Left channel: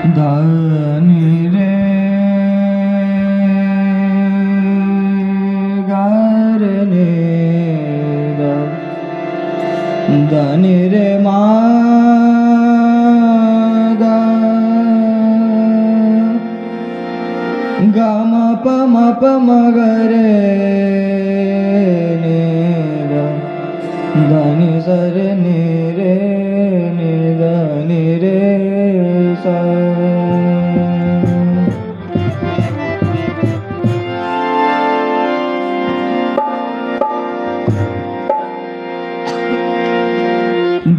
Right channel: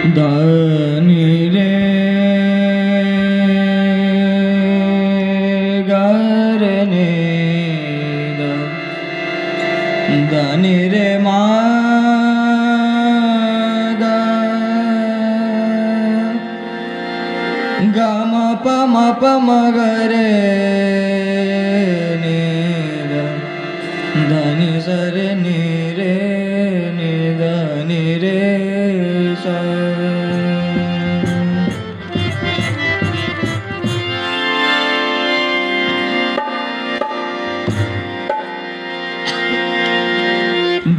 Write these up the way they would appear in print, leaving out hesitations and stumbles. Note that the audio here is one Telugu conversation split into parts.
దని రే గరే నే దని రే మా గమ పమ పమ గరే నే దని సరే ని రే ని దని రే స.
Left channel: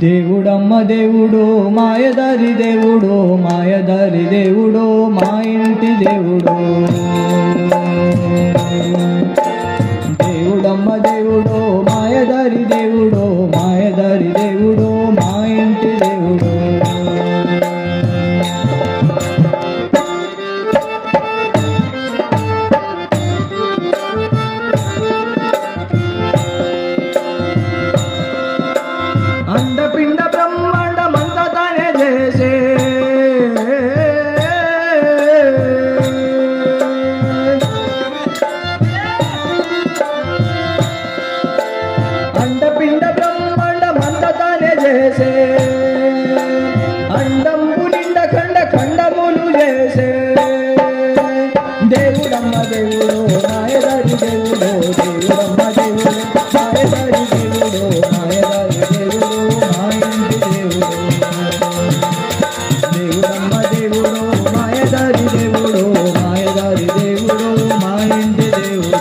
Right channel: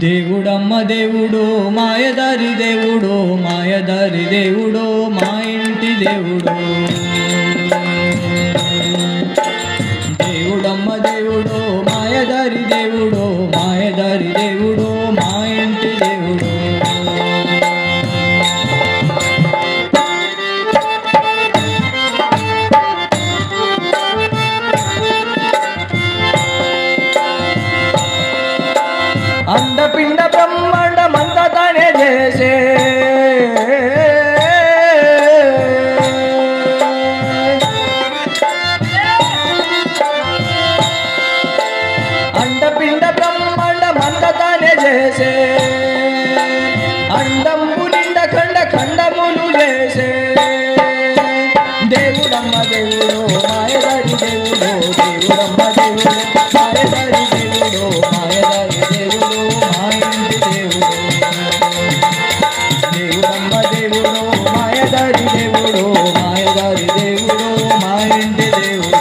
దేవుడమ్మ దేవుడు మాయదారి దేవుడు మాయదారి దేవుడు మా ఇంటి దేవుడు. దేవుడమ్మ దేవుడు మాయదారి దేవుడు మాయదారి దేవుడు మా ఇంటి దేవుడు. అండపిండ బ్రహ్మాండమంతా తానే చేసే అండపిండ బ్రహ్మాండమంతా తానే చేసే అండంబు నిండ ఖండ ఖండములు చేసే దేవుడమ్మ దేవుడు మాయదారి దేవుడు దేవుడమ్మ దేవుడు మాయదారి దేవుడు మాయదారి దేవుడు మా ఇంటి దేవుడు. దేవుడమ్మ దేవుడు మాయదారి దేవుడు మాయదారి దేవుడు మా ఇంటి దేవుడు.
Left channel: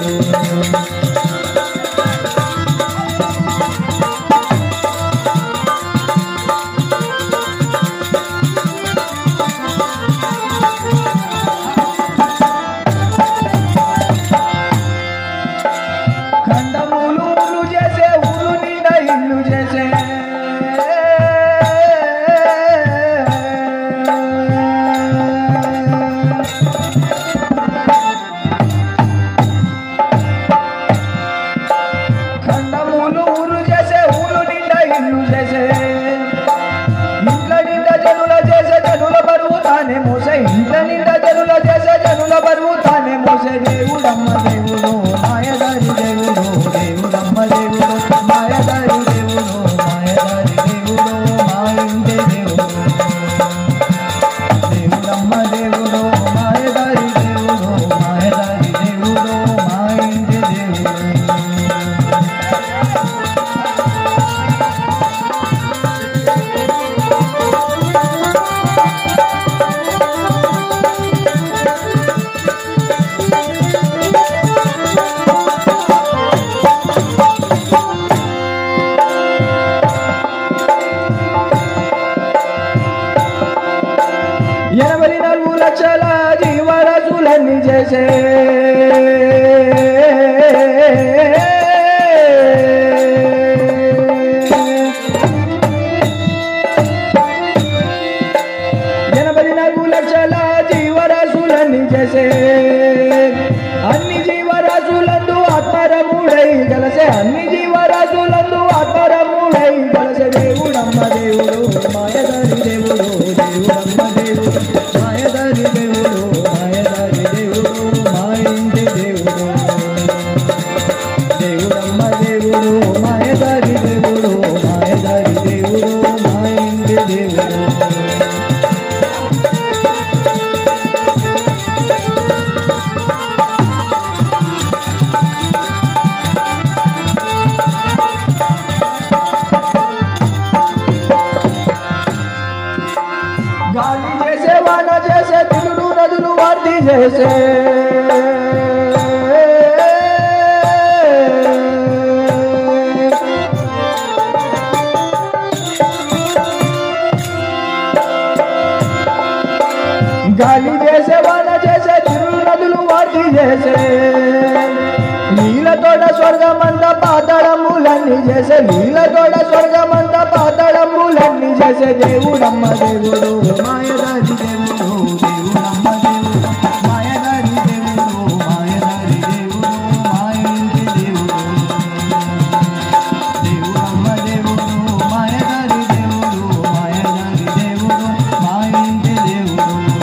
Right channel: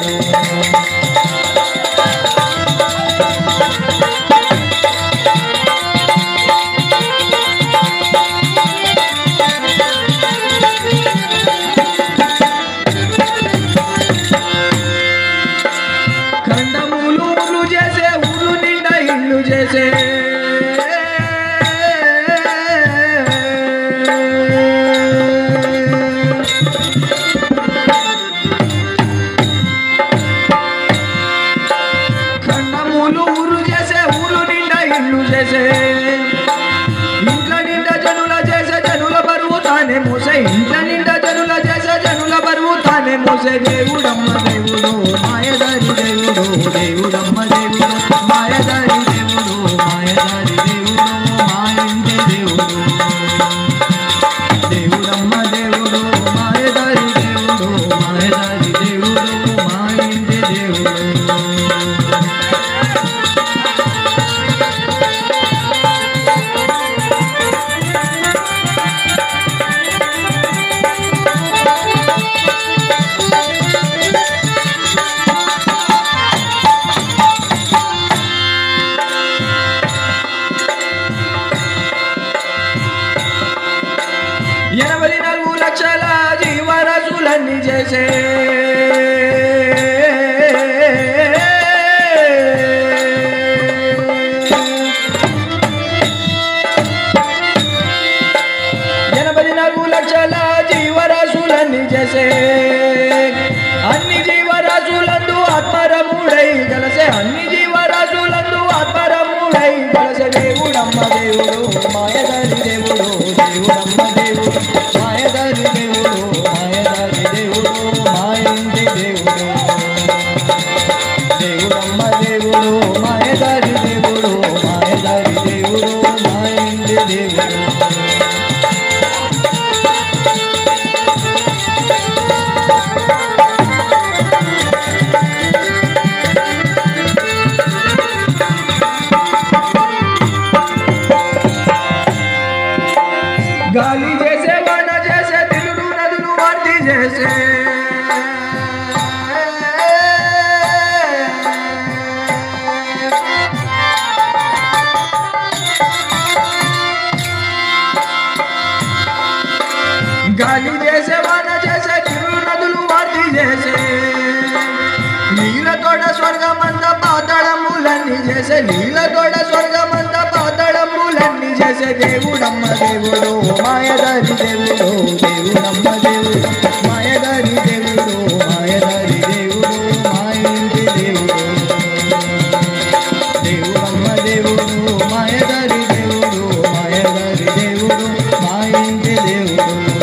ఖండములు చేసే ఊరు నిండా ఇల్లు చేసే ఖండములు ఊరు చేసే ఊరు నిండా ఇల్లు చేసే ఇంట్ల నిండా జనుల చేసే జనుల బరువు తానే మోసే ఇంట్ల నిండా జనుల చేసే జనుల బరువు తానే మోసే దేవుడమ్మ దేవుడు మాయదారి దేవుడు దేవుడమ్మ దేవుడు మాయదారి దేవుడు మాయదారి దేవుడు మా ఇంటి దేవుడు. దేవుడమ్మ దేవుడు మాయదారి దేవుడు మాయదారి దేవుడు మా ఇంటి దేవుడు. ఎనభై 4 లక్షల జీవరాశులన్నీ చేసే జీవరాశులన్నీ చేసే అన్ని జీవరాశులందు ఆత్మరముడై గలసే అన్ని జీవరాశులందు ఆత్మరముడై గలసే దేవుడమ్మ దేవుడు మాయదారి దేవుడు దేవుడమ్మ దేవుడు మాయదారి దేవుడు మాయదారి దేవుడు మా ఇంటి దేవుడు. దేవుడమ్మ దేవుడు మాయదారి దేవుడు మాయదారి దేవుడు మా ఇంటి దేవుడు. గాలి చేసే వాన చేసే తిరుడు నదులు వర్ది చేసే గాలి చేసే వాన చేసే తిరుడు నదులు వర్ది చేసే నీలతోడ స్వర్గమంత పాతాళములన్నీ చేసే నీలతోడ స్వర్గమంత పాతాళములన్నీ చేసే దేవుడమ్మ దేవుడు మాయదారి దేవుడు దేవుడమ్మ దేవుడు మాయదారి దేవుడు మాయదారి దేవుడు మా ఇంటి దేవుడు. దేవుడమ్మ దేవుడు మాయదారి దేవుడు మాయదారి దేవుడు మా ఇంటి దేవుడు.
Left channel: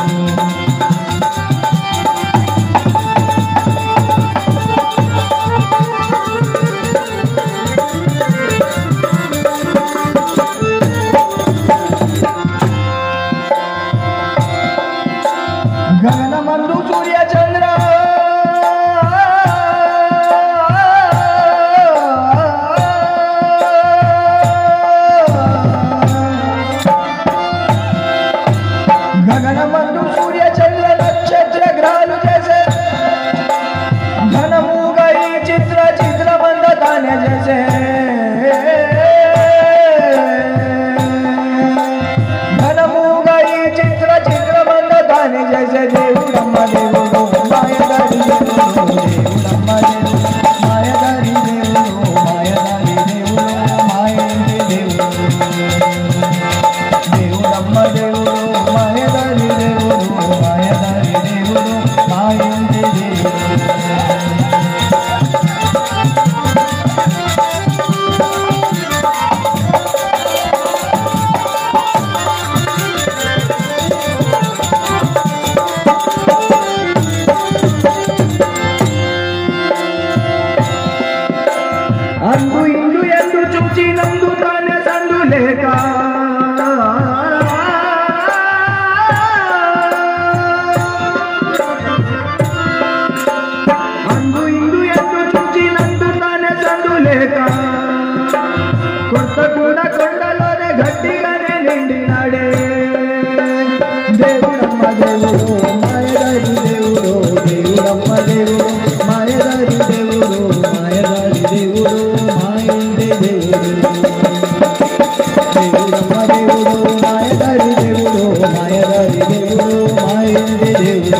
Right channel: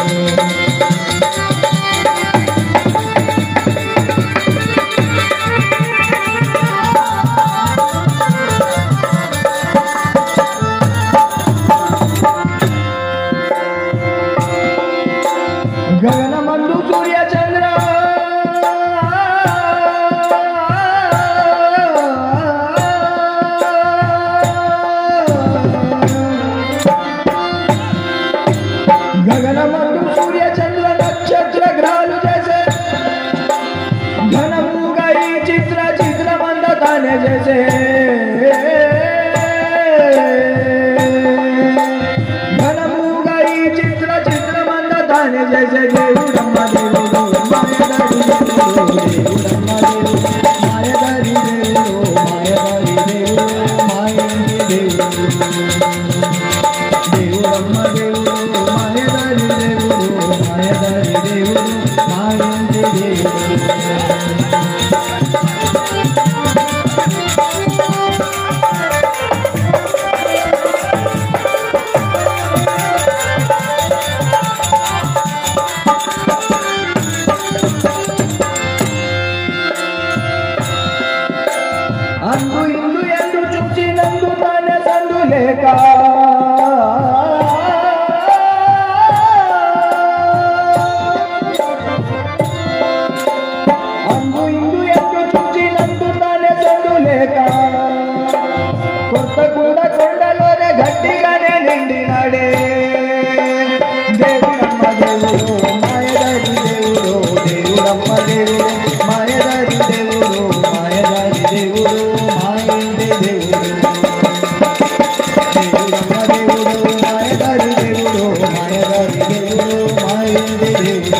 దేవుడమ్మ దేవుడు మాయదారి దేవుడు దేవుడమ్మ దేవుడు మాయదారి దేవుడు మాయదారి దేవుడు మా ఇంటి దేవుడు దేవుడమ్మ దేవుడు మాయదారి దేవుడు మాయదారి దేవుడు మా ఇంటి దేవుడు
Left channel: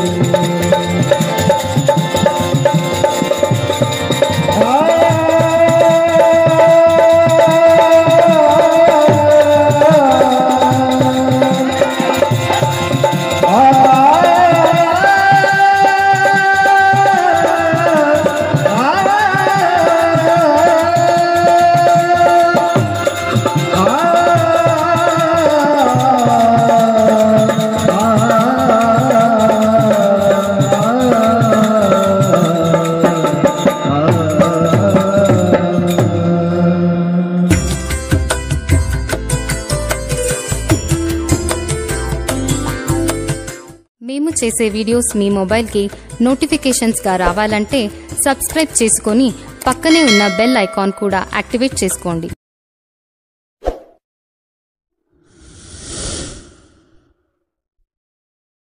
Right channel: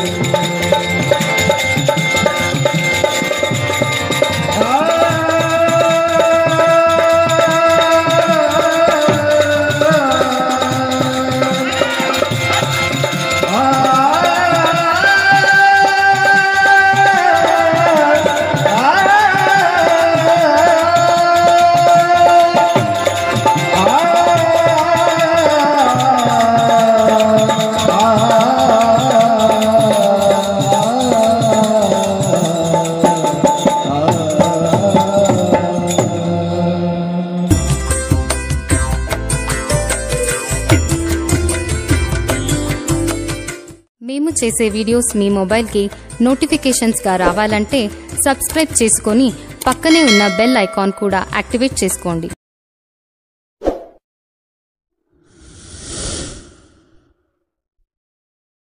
మేము చేసే వీడియోస్ మీ మొబైల్కి నోటిఫికేషన్స్గా రావాలంటే సబ్స్క్రైబ్ చేసుకొని పక్కనే ఉన్న బెల్ ఐకాన్ కూడా యాక్టివేట్ చేసుకోండి.